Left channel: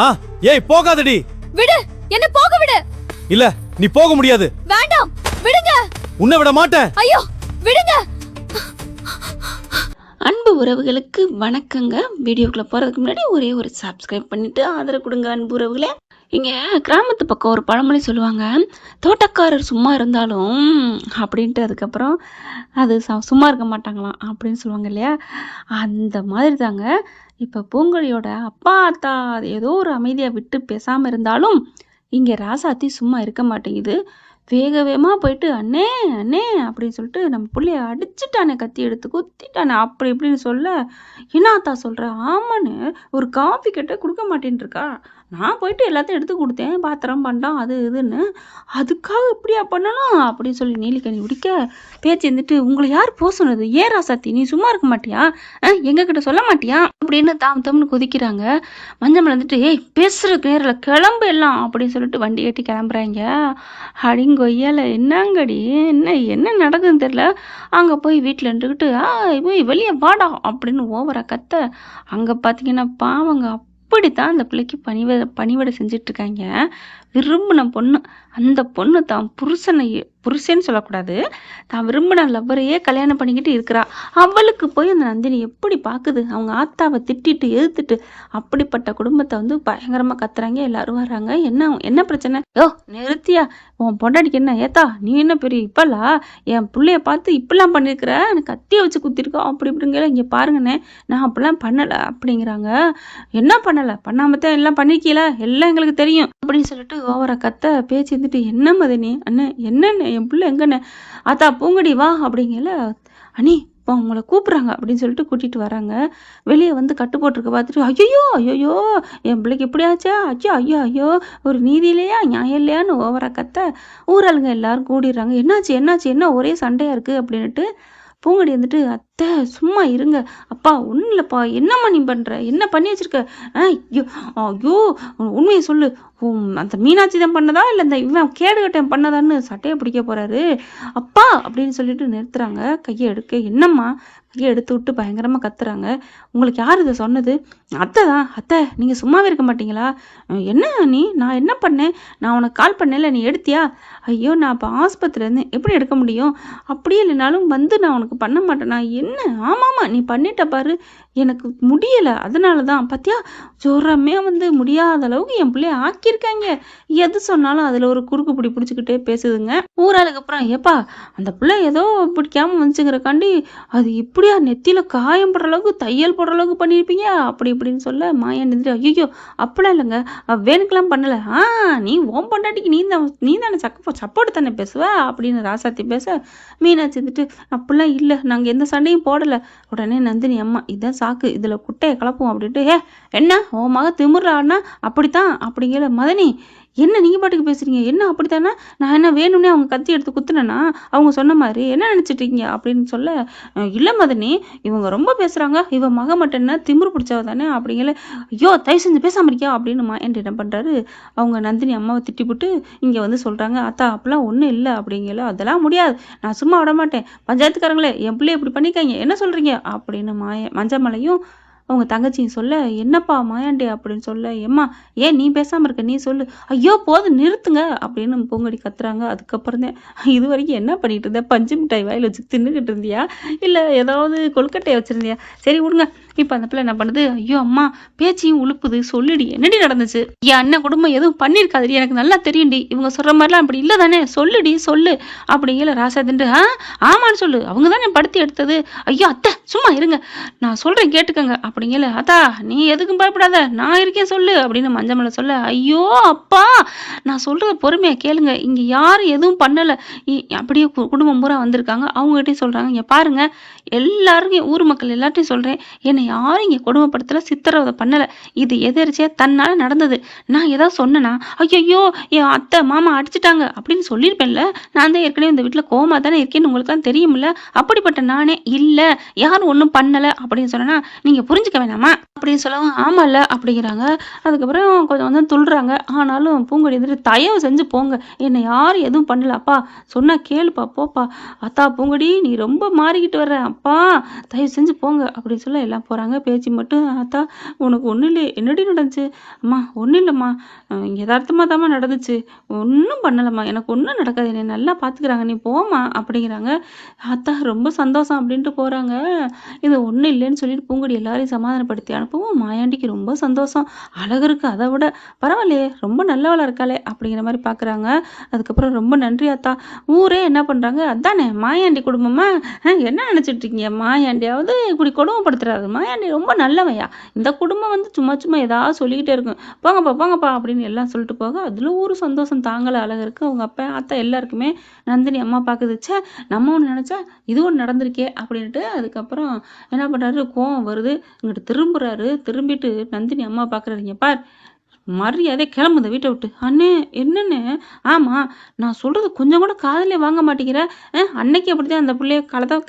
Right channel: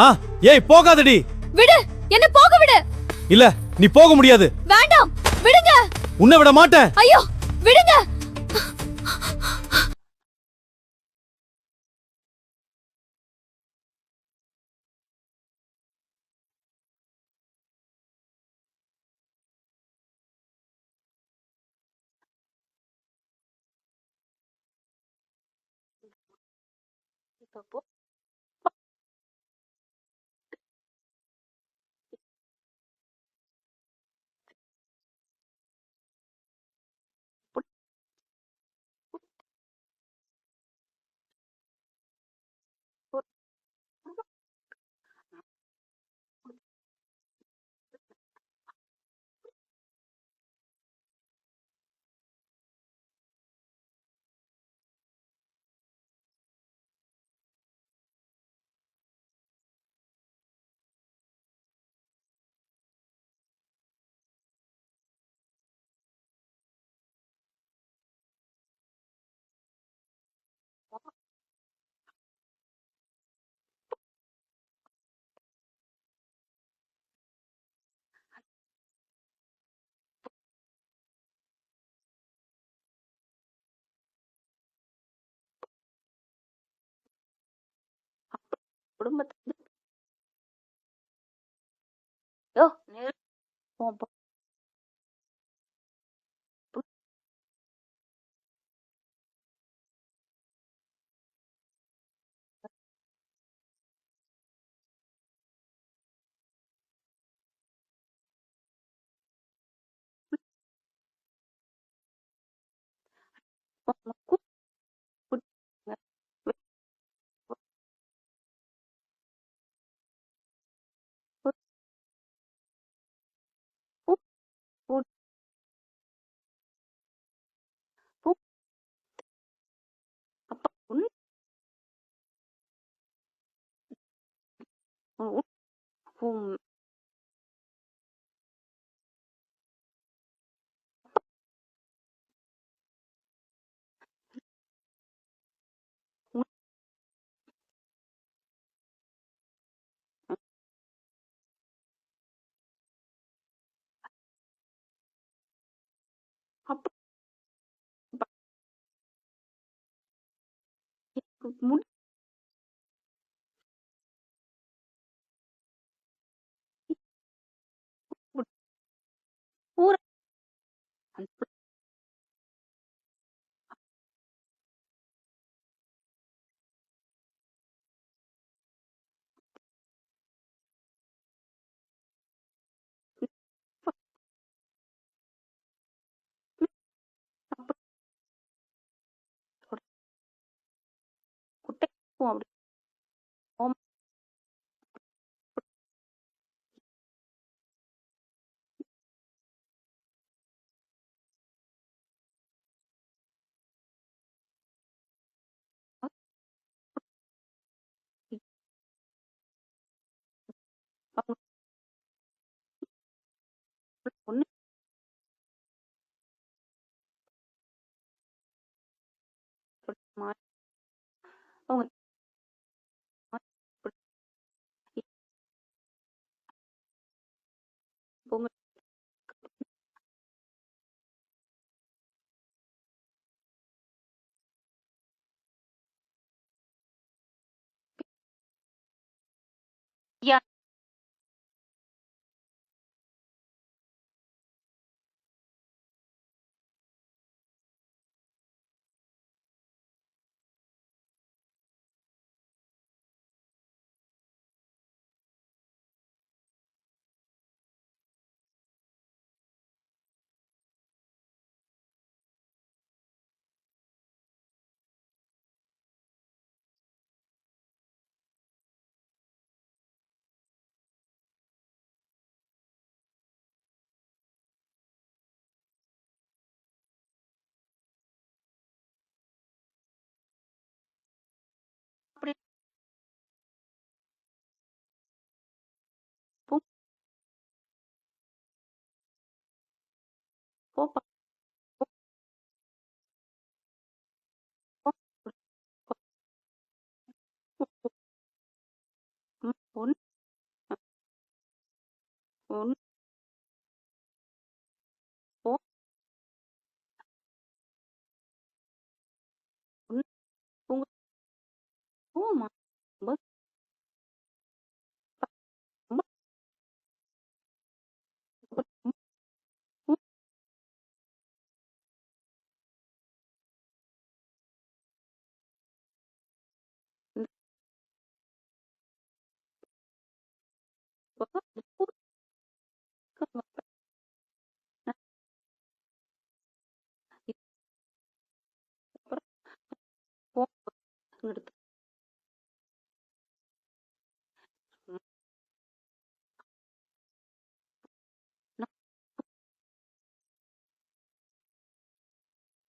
ஏய் போகாதடி. விடு, என்ன போக விடு. இல்ல நீ போக முடியாது. வேண்டாம், விடுங்க. உன்னை விட மாட்டேன். ஐயோ விடுங்க. அன்பு உறவுகளுக்கு வணக்கங்க. வீடியோக்குள்ள போறதுக்கு முன்னாடி ஒரே ஒரு சப்ஸ்கிரைப் பண்ணிட்டு ஆதரவு கொடுங்க அன்பு உறவுகளே. இங்கே கிராமத்து பக்கம் ஒரு பழமொழி சொல்லுவாங்க, தோட்டக்காரர் சும்மா இருந்தாலும் அப்படின்ட்டு. அதுக்கப்புறம் அது சும்மா இருக்க மாட்டாங்களாம் அப்படின்னு சொல்லுவாங்க இல்லையா. அந்த மாதிரி தாங்க இப்போ பூங்கொழியோட அப்பா அத்தா ஏதோ ஒரு அமைதியாக விட்டு பேசாமல் இருந்தாலும் இங்கே ராசாத்தி சும்மா இருக்க மாட்டேங்குது. வேக வேகமாக போயிட்டு அண்ணே அண்ணே அப்படின்னு சொல்லிட்டு நம்ம பிள்ளைய அடிச்சுட்டானே, கத்தி எடுத்து குத்திட்டானே அப்படி இப்படின்னு சொல்ல, என்ன அத்தா சொல்கிற? ஆமான்னு ஒரு காஃபி கிட்ட கொடுக்க மாட்டேன்னு இருக்கா. நான் போயிட்டு எல்லாத்தையும் எடுத்து கொடுத்தேன், பாத்திரம் பண்டம் அது இதுன்னு. அதுக்காக இப்படியா பண்ணணும் அப்படின்னு சொல்லி நீலிக்கனி உடிக்க பேச்சு இருந்துட்டு, உங்களை யார் போக சொன்னது? ஏன் ராசாத்தி நீ சும்மா இருக்க மாட்டியா? எங்ககிட்ட சொல்ல மாட்டியா அப்படின்னு தம்னு கொதிக்கிறாங்க. மஞ்சள் வந்துட்டு, ஏய் பேசுறதுக்கு நேரில் கிளம்பு எல்லாம் அப்படின்னு சொல்லிட்டு வண்டி ஏட்டி கிளம்புறாங்க. அடிங்கொய்யால என்னங்கடி என்ன என்ன நடக்குதுன்னு தெரியல. அங்கே போய் வீட்டில் இருந்துக்கிட்டு போய் வெளியே வாடா அப்படின்னு ஓவரா கத்த. அங்கே பார்த்தீங்கன்னா பாவங்க அப்படித்தான் அந்த பிள்ளைக்கு பணிவிடை செஞ்சுட்டு இருக்காங்க. விரும்பின பொண்ணு, அந்த பொண்ணு தான் புருஷன்னு சொல்லக்கூடாது, தான் விரும்பின லவ்வரையே கல்யாணம் பண்ணிக்கிட்டு இருக்கிறா. அவளுக்கு போய் அந்த நந்தினி எப்படி பார்க்குது? அவங்க ஆத்தாவை திட்டிட்டு எதிர்த்துட்டு அப்படிப்பட்ட குடும்பத்தை வந்து பயங்கரமாக கத்துறாங்க. எல்லாரும் வர்றாங்க. என்ன பிரச்சனை? யோ நிறுத்தியா, உன் பொண்டாடிக்கு என்ன? ஏத்தா நீ என்ன பெரிய இப்பலா என் பிள்ளைய பார்த்து இப்படிலாம் பண்ணியிருக்கிற, எனக்கு கத்தியை வச்சு குத்திருக்கோம் அப்படி இப்படிங்கிற. இங்கே பாருங்கண்ணே, நான் அப்படிலாம் பண்ணலை அப்படிங்கிறாங்க. என்ன பண்ணலை? பண்ணாமத்தான் எல்லாம் பண்ணிக்கல, எல்லாம் எங்களுக்கு தெரியும் அப்படின்னு சொல்லிட்டு ஓவரா கத்த பேச்சு இருந்துட்டு, என்ன மதனி அண்ணே என்னண்ணே என் பிள்ளை எங்கண்ணே? ஆத்தா பூங்கடி வா அப்படிங்கல. அண்ணி இப்போ உங்களை கூப்பிட்றாங்க அப்படின்னு சொல்லிட்டு கூட்டிகிட்டு வராங்க. வெளியே வந்து கட்டு போட்டிருக்க பார்த்துட்டு, ஐயோ ஐயோ என் பிள்ளைக்கு எப்படி ஆச்சா? ஐயோ ஐயோ ஐயோ ஒரு நீதி இல்லையா, நியாயம் இல்லையான்னு ஓவரா கத்த ஊராளுங்க எல்லாரும் கூடிடுறாங்க. என்னாச்சு என்ன ஒரே சண்டையாக இருக்குது அப்படின்ட்டு. பூங்கடி வந்துட்டு, அத்தை சும்மா இருங்க, அப்பா ஒன்றும் இல்லைப்பா, என்னம்மா நீ பண்ணுற, என்ன பண்ணி வச்சிருக்க? ஐயோ ஐயோ உண்மையை சொல்லு, அந்த மீனாட்சி தான் பண்ணதா இல்லை இந்த இவன் கேடுகட்டம் பண்ணதான்னு சட்டையை பிடிக்க போறாரு அப்பா அப்படின்னு சொல்லிட்டு நிறுத்துறாங்க. கையை எடுக்க, என்னம்மா கையை எடுத்து விட்டு பயங்கரமாக கத்துறாங்க. உங்களுக்கு யார் இதை சொன்னது? அத்தை தான். அத்தை நீங்கள் சும்மாவே இருக்க மாட்டீங்களா? என்ன நீ, நான் என்ன பண்ணேன்? நான் உனக்கு கால் பண்ணல, நீ எடுத்தியா? ஐயோ நான் இப்போ ஆஸ்பத்திரிலேருந்து எப்படி எடுக்க முடியும்? அப்படியே இல்லைனாலும் வந்து நான் உனக்கு பண்ண மாட்டேனா? என்ன? ஆமாம்மா நீ பண்ணிட்ட பாரு, எனக்கு முடியலை அதனால தான். பார்த்தியா ஜோரமே வந்து முடியாத அளவுக்கு என் பிள்ளைய ஆக்கியிருக்காங்க. எது சொன்னாலும் அதில் ஒரு குறுக்கு பிடி பிடிச்சிக்கிட்டே பேசுதுங்க. ஊராளுக்கு அப்புறம், ஏப்பா அந்த பிள்ளை ஏதோ பிடிக்காம வந்துச்சுங்கிறக்காண்டி அது இப்படியா நெத்தியில் காயம் போடுற அளவுக்கு தையல் போடுற அளவுக்கு பண்ணியிருப்பீங்க அப்படி இப்படின்னு சொல்ல, மாயன் நின்று, ஐயோ அப்படிலாம் இல்லைங்க, வேணுக்கெல்லாம் பண்ணலை. நீ ஓம் பொண்டாட்டிக்கு நீ தானே சப்போர்ட் தானே பேசுவ அப்படின்னு ராசாத்தி பேச, மீனாட்சி வந்துட்டு, அப்படிலாம் இல்லை, நாங்கள் எந்த சண்டையும் போடலை. உடனே நந்தினி அம்மா, இதான் சாக்கு, இதில் குட்டையை கலப்போம் அப்படின்ட்டு, என்ன உன் மக திமுறான்னா அப்படித்தான் அப்படிங்கிற. மதனி என்ன நீங்கள் பாட்டுக்கு பேசுகிறீங்க? என்ன அப்படித்தானே? நான் என்ன வேணும்னே அவங்க கத்தி எடுத்து குத்துனேன்னா அவங்க சொன்ன மாதிரி என்ன நினச்சிட்ருக்கீங்க அப்படின்னு சொல்ல, இல்லை மதனி இவங்க ரொம்ப பேசுகிறாங்க, இவன் மக மட்டும்னா திமிரு பிடிச்சவ தானே அப்படிங்கிற. ஐயோ தயவு செஞ்சு பேசாமல் இருக்கியா அப்படின்னு என்கிட்ட என்ன பண்ணுறாரு, அவங்க நந்தினி அம்மாவை திட்டிவிட்டு இங்கே வந்து சொல்கிறாங்க, அத்தா அப்படிலாம் ஒன்றும் இல்லை அப்படிங்கல. அதெல்லாம் முடியாது, நான் சும்மா விட மாட்டேன், பஞ்சாயத்துக்காரங்களே என் பிள்ளைய இப்படி பண்ணிக்காங்க, என்ன சொல்கிறீங்க அப்படின்னு மஞ்சமலையும் அவங்க தங்கச்சியும் சொல்ல, என்னப்பா மாயாண்டி அப்படின்னு சொல்ல, ஏம்மா ஏன் நீ பேசாமல் இருக்க, நீ சொல்லு. ஐயோ போதும் நிறுத்துங்க அப்படின்னு பூங்கடி கத்துறாங்க. அதுக்கப்புறம் தான், இது வரைக்கும் என்ன பண்ணிட்டு இருந்த? பஞ்சு மிட்டாய் வாயில் வச்சு தின்னுக்கிட்டு இருந்தியா, இல்லை ஏதாவது கொழுக்கட்டையை வச்சுருந்தியா? சரி விடுங்க. இப்போ அந்த பிள்ளை என்ன பண்ணுது, ஐயோ அம்மா பேச்சையும் உழுப்புது, சொல்லுடி என்னடி நடந்துச்சு? என் அண்ணன் குடும்பம் எதுவும் பண்ணியிருக்காதுடி, எனக்கு நல்லா தெரியும்டி, இவங்க சொல்கிற மாதிரிலாம் அப்படி இல்லை தானே, சொல்லுடி சொல்லு அப்படிங்கிற. ராசாதிண்டு, ஆமான்னு சொல்லு, அவங்க தானே படுத்தி எடுத்தது. ஐயோ அத்தை சும்மா இருங்க, நான் சொல்கிறேன் கேட்டுக்கங்க அப்படிங்கல. அத்தா நீ எதுக்கும் பயப்படாத, நான் இருக்கேன் சொல்லு அப்படின்னு மஞ்சமலை சொல்ல, ஐயோ அப்பா நான் சொல்கிறத பொறுமையாக கேளுங்க, இங்கே யாரும் எதுவும் பண்ணலை, அப்படியே குடும்பம் பூரா வந்திருக்காங்க, அவங்ககிட்டையும் சொல்கிறாங்க, இங்கே பாருங்க எல்லாருக்கும் ஊர் மக்கள் எல்லார்ட்டையும் சொல்கிறேன், என்னை யாரும் இங்கே கொடுமைப்படுத்தலை, சித்திரவதை பண்ணலை, இது எதிர்ச்சியாக தன்னால் நடந்தது. நான் ஏதாவது சொன்னேன்னா ஐயோ என் அத்தை மாமா அடிச்சிட்டாங்க அப்படின்னு சொல்லியிருப்பேன்ல, நான் தான் ஏற்கனவே இந்த வீட்டில் கோமா தானே இருக்கேன்னு உங்களுக்குலாம் தெரியுமில்ல, அப்படிப்பட்ட நானே இல்லை யாரும் ஒன்றும் பண்ணலை அப்படின்னு சொன்னேன்னா நீங்கள் புரிஞ்சுக்க வேணாமா அப்படின்னு சொல்லவும், ஆமாம்ல அப்படிங்கிறாங்க. அதுக்கப்புறம் கொஞ்சம் வந்து துள்ளுறாங்க. ஆனாலும் பூங்கொடி வந்துட்டு, தயவு செஞ்சு போங்க, என்னை யாரும் எதுவும் பண்ணல, அப்பா சொன்னால் கேளுப்பா போப்பா, அத்தா பூங்கொடி நீ ரொம்ப மாறிக்கிட்டு வர்ற, அப்பா தயவு செஞ்சு போங்க அப்படின்னு சொல்ல எல்லாம் போகிறாங்க. போறாங்க. பேச்சு மட்டும், "ஆத்தா உனக்கு ஒண்ணும் இல்லையே, என்னடி நடந்துச்சு?" "அம்மா ஒண்ணும் இல்லம்மா. எதார்த்தமா தாம்மா நடந்துச்சு. ஒண்ணும் பண்ணலம்மா. எனக்கு ஒண்ணும் நடக்காது. என்னைய நல்லா பார்த்துக்கிறாங்க. நீ போம்மா" அப்படிங்கிறாங்க. ஆத்தா ரொம்ப சந்தோஷம் அப்படின்ட்டு போறாங்க. இது ஒண்ணும் இல்லைன்னு சொல்லிட்டு பூங்கொடி எல்லாரையும் சமாதானப்படுத்தி அனுப்பவும், மாயாண்டிக்கு ரொம்ப சந்தோஷம். அழகருக்கு அத விட, "பரவாயில்லையே, ரொம்ப நல்லவளா இருக்காளே" அப்படிங்கிற மாரி பார்க்குறாங்க. அதுக்கப்புறம், "ரொம்ப நன்றி ஆத்தா." ஊரே என்ன பண்றாங்க, "அதானே மாயாண்டி குடும்பமா? என்ன நெனச்சுட்டு இருக்கீங்க? மாயாண்டியாவது இப்படி கொடுமைப்படுத்துறாரு. மாயாண்டி ரொம்ப நல்லவன்யா. இந்த குடும்பம் வந்து சும்மா சும்மா ஏதாவது சொல்லிக்கிட்டே இருக்கும். போங்கப்பா, போங்கப்பா" அப்படின்னு எல்லாம் சொல்லிட்டு போக, அதுல ஒரு சந்தோஷம் தாங்கல அழகருக்கு. அவங்க அப்பா, ஆத்தா எல்லாருக்குமே. நந்தினி அம்மா பாக்குது, "ச்சே! நம்ம ஒண்ணு நெனச்சா, இது ஒண்ணு நடந்திருக்கே" அப்படின்ட்டு அதுக்கப்புறம் என்ன பண்றாரு, கோவம் வருது. இங்கிட்டு திரும்புறாரு. திரும்பிட்டு நந்தினி அம்மா பாக்குறாரு, "இங்க பார், மரியாதையா கிளம்பு இந்த வீட்ட விட்டு." "அண்ணே என்னண்ணே?" "ஆமா, நான் சொல்றது கொஞ்சம் கூட காதுலயே வாங்க மாட்டேங்கிற. அன்னைக்கு அப்படித்தான் அந்த புள்ளைய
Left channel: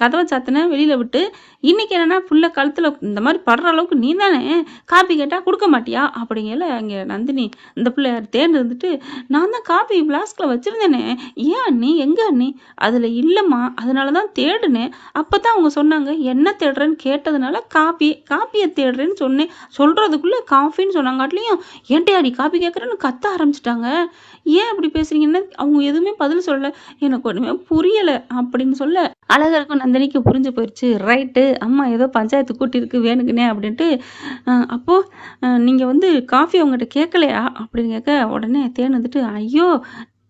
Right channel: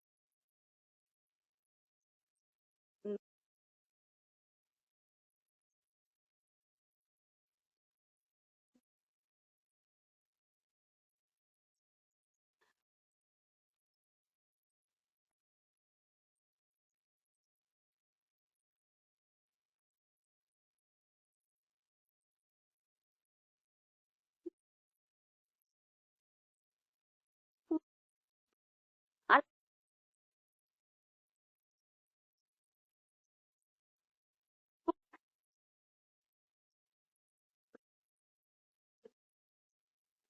கதவ சாத்துனேன் வெளியில விட்டு. இன்னைக்கு என்னன்னா புள்ள கழுத்துல இந்த மாரி படுற அளவுக்கு நீ தானே காப்பி கேட்டா குடுக்க மாட்டியா?" அப்படிங்கையில அங்க நந்தினி இந்த புள்ள தேன் இருந்துட்டு, "நான் தான் காப்பி ஃப்ளாஸ்க்ல வச்சிருந்தேனே. ஏன் அண்ணி? எங்க அண்ணி?" "அதுல இல்லம்மா. அதனால தான் தேடுனேன். அப்பதான் அவங்க சொன்னாங்க. என்ன தேடுறேன்னு கேட்டதுனால காப்பிய தேடுறேன்னு சொன்னேன். சொல்றதுக்குள்ள காஃபின்னு சொன்னாங்காட்டியும், ஏன்ட்டயாடி காப்பி கேட்குறேன்னு கத்த ஆரம்பிச்சுட்டாங்க. ஏன் அப்படி பேசுறீங்கன்னு அவங்க எதுவுமே பதில் சொல்லல. எனக்கு ஒண்ணுமே புரியல" அப்படின்னு சொல்ல, அழகருக்கும் நந்தினிக்கும் புரிஞ்சு போயிருச்சு. ரைட்டு, அம்மா ஏதோ பஞ்சாயத்து கூட்டியிருக்கு வேணுக்குன்னே அப்படின்ட்டு, அப்போ நீங்க வந்து காஃபி அவங்ககிட்ட கேட்கலையா? அப்படின்னு கேட்க, உடனே தேன் வந்துட்டு, ஐயோ!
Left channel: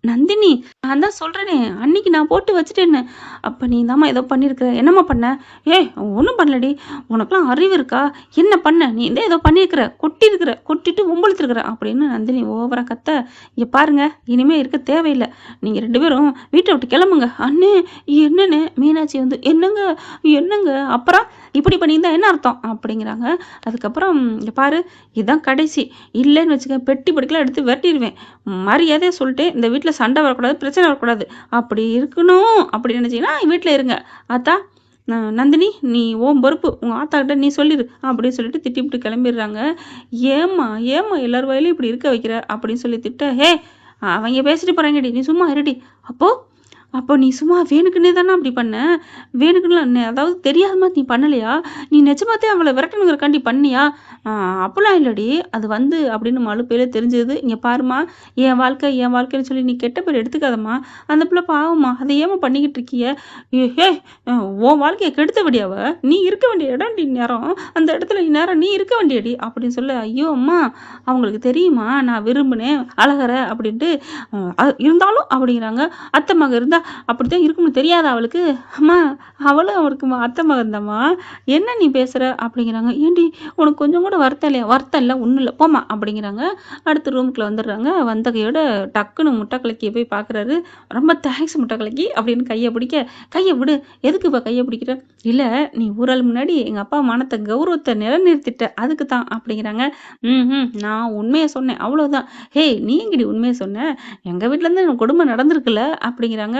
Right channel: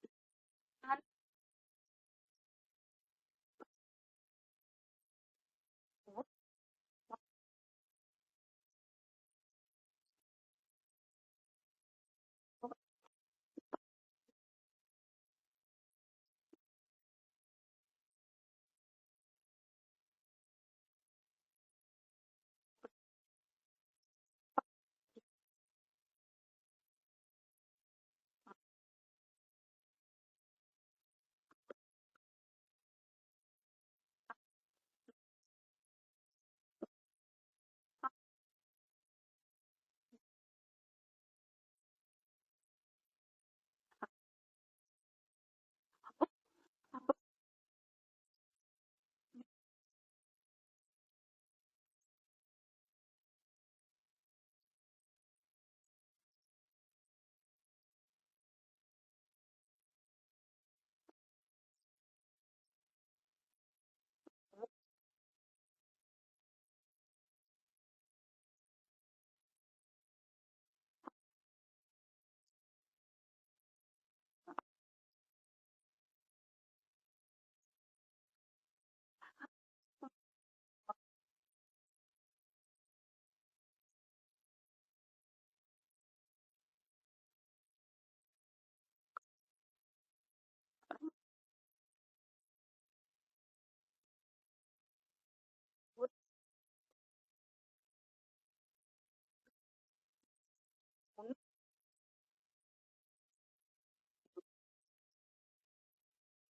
நந்தினி, நான் தான் சொல்றேனே, அன்னைக்கு நான் போட்டு வச்சுட்டேன்னு. அப்ப நீ தாம்மா ஏதோ பண்ணியிருக்கிற. என்னம்மா பண்ண? ஏய் ஒண்ணும் பண்ணலடி. உனக்கெல்லாம் அறிவு இருக்கா? என்ன பண்ண? நீ தான் ஏதோ பண்ணியிருக்கிற. கொட்டியிருக்கிற. கொட்டிட்டு வம்பிழுத்துருக்கிற அப்படின்னு நந்தினி ஓவரா கத்த, இங்க பாருங்க, இனிமே இருக்க தேவையில்ல. நீங்க 2 பேரும் வீட்ட விட்டு கிளம்புங்க. அண்ணே என்னண்ணே? மீனாட்சி வந்து, என்னங்க? என்னங்க? அப்புறம் இப்படி பண்ணியிருந்தா என்ன அர்த்தம்? அப்படிங்கிறாங்க. அதுக்கப்புறம், இங்க பாரு, இதான் கடைசி. இல்லைன்னு வச்சுக்க, பெட்டி படிக்கலாம் எடுத்து விரட்டிருவேன். மரியாதையா சொல்லிட்டேன். இந்த வீட்ல சண்டை வரக்கூடாது, பிரச்சனை வரக்கூடாது. அப்படி இருக்கணும் அப்படி நினைச்சீங்கன்னா வீட்ல இருங்க. ஆத்தா, நந்தினி நீ உன் பொறுப்பு. உங்க ஆத்தாகிட்ட நீ சொல்லிரு அப்படின்னு சொல்லிட்டு திட்டிப்புட்டு கிளம்பிடுறாங்க. ஏம்மா ஏம்மா எல்லார் வாயிலையும் இப்படி இருக்க வைக்கிற அப்படின்னு சொல்லி திட்ட, ஹே அவங்க பேசிட்டு போறாங்கடி, நீ சும்மா இருடி. அப்போ அப்போ நீ சும்மா வேணுக்குன்னே தானே அப்படி பண்ண? வேணுக்குன்னுலாம் அதாவது தெரியாம நீ பண்ணலையா? நீ நிஜமாத்தே அவள விரட்டணுங்கிறக்காண்டி பண்ணியா? அ அப்பலாம் இல்லடி. அது வந்து அப்படின்னு மலுப்பையில தெரிஞ்சது. இங்க பாரும்மா, என் வாழ்க்கைன்னு சொல்லி நீ கெட்ட பேர் எடுத்துக்காதம்மா. அந்த பிள்ளை பாவம்மா. அத ஏம்மா பண்ணிக்கிட்டு இருக்கிய? ஏய் உன் வாழ்க்கைய கெடுத்தவடி அவ. நீ இருக்க வேண்டிய இடம்டி இந்நேரம். அந்த இடத்துல இந்நேரம் நீ இருக்க வேண்டியடி அப்படின்னு சொல்ல, ஐயோ அம்மா! அவங்களுக்கு தெரியுமா நான் விரும்பினேன் அழகர அப்படின்ட்டு. இருந்தாலும் அப்படிங்கிறாங்க. அத்தை மக இருந்தா அப்படித்தான் இருக்கும்னு தெரியாதா அவளுக்கு? அம்மா அவளும் அவருக்கு அத்தை மகன் தாம்மா. என்ன நீ பேசுற? அப்படிங்கிறாங்க. ஏன்டி உனக்கு கொஞ்சம் கூட வருத்தம் இல்லையா? வருத்தம் இல்ல, ஒண்ணும் இல்ல. போம்மா அப்படிங்கிறாங்க. அடுத்து ரூமுக்குள்ள வந்துடுறாங்க. வந்த கையோட டக்குன்னு முட்டை கலக்கிய போய் பார்க்குறாரு. ரொம்ப தேங்க்ஸ் முட்டை கலக்கி அப்படின்னு கைய பிடிக்க, கைய விடு. எதுக்கு இப்ப கைய பிடிக்கிற? இல்ல, நீ ஊராள் முன்னாடி எங்க அப்பா மானத்த கௌரவத்த நிலைநிறுத்திட்ட. அதுக்கு தான் அப்படிங்கிறாங்க. நான் உண்மைய சொன்னேன். அவ்வளவுதான். ஹேய் நீ எங்கடி உண்மைய சொன்ன? எங்க வீட்ல இருந்து எனக்கு கொடுமை நடந்திருக்குல்ல அப்படிங்கிறாங்க.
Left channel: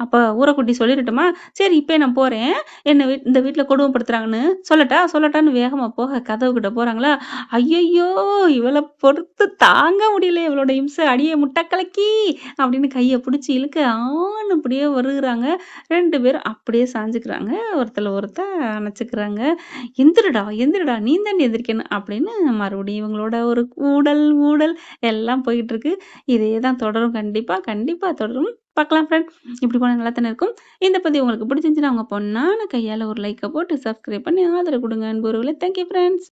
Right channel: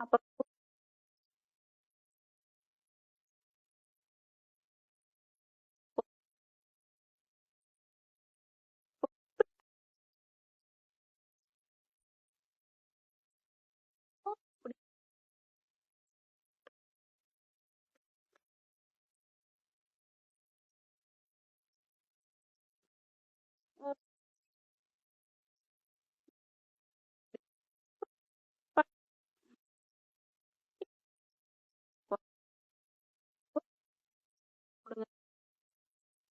அப்ப ஊரக்குட்டி சொல்லிரட்டுமா? சரி இப்பயே நான் போறேன். என்ன இந்த வீட்ல கொடுமைப்படுத்துறாங்கன்னு சொல்லட்டா? சொல்லட்டான்னு வேகமா போக கதவுகிட்ட போறாங்களா? ஐயையோ! இவள பொறுத்து தாங்க முடியல இவளோட இம்சை. அடியே முட்டை கலக்கி அப்படின்னு கைய புடிச்சு இழுக்க, ஆன்னு அப்படியே வருகுறாங்க. 2 பேரும் அப்படியே சாஞ்சுக்கிறாங்க. ஒருத்தல ஒருத்தன் அணைச்சுக்கிறாங்க. "எந்திரிடா, எந்திரிடா, நீ தாண்டி எந்திரிக்கணும்" அப்படின்னு மறுபடியும் இவங்களோட ஒரு ஊடல் எல்லாம் போயிட்டுருக்கு. இதே தான் தொடரும் கண்டிப்பா, கண்டிப்பா தொடரும். பார்க்கலாம் ஃப்ரெண்ட். இப்படி போனா நல்லா தானே இருக்கும். இந்த பதிவு உங்களுக்கு பிடிச்சிருந்துச்சுன்னா, உங்க பொண்ணான கையால ஒரு லைக்க போட்டு சப்ஸ்கிரைப் பண்ணி ஆதரவு குடுங்க அன்பு உறவுகளே. Thank you friends.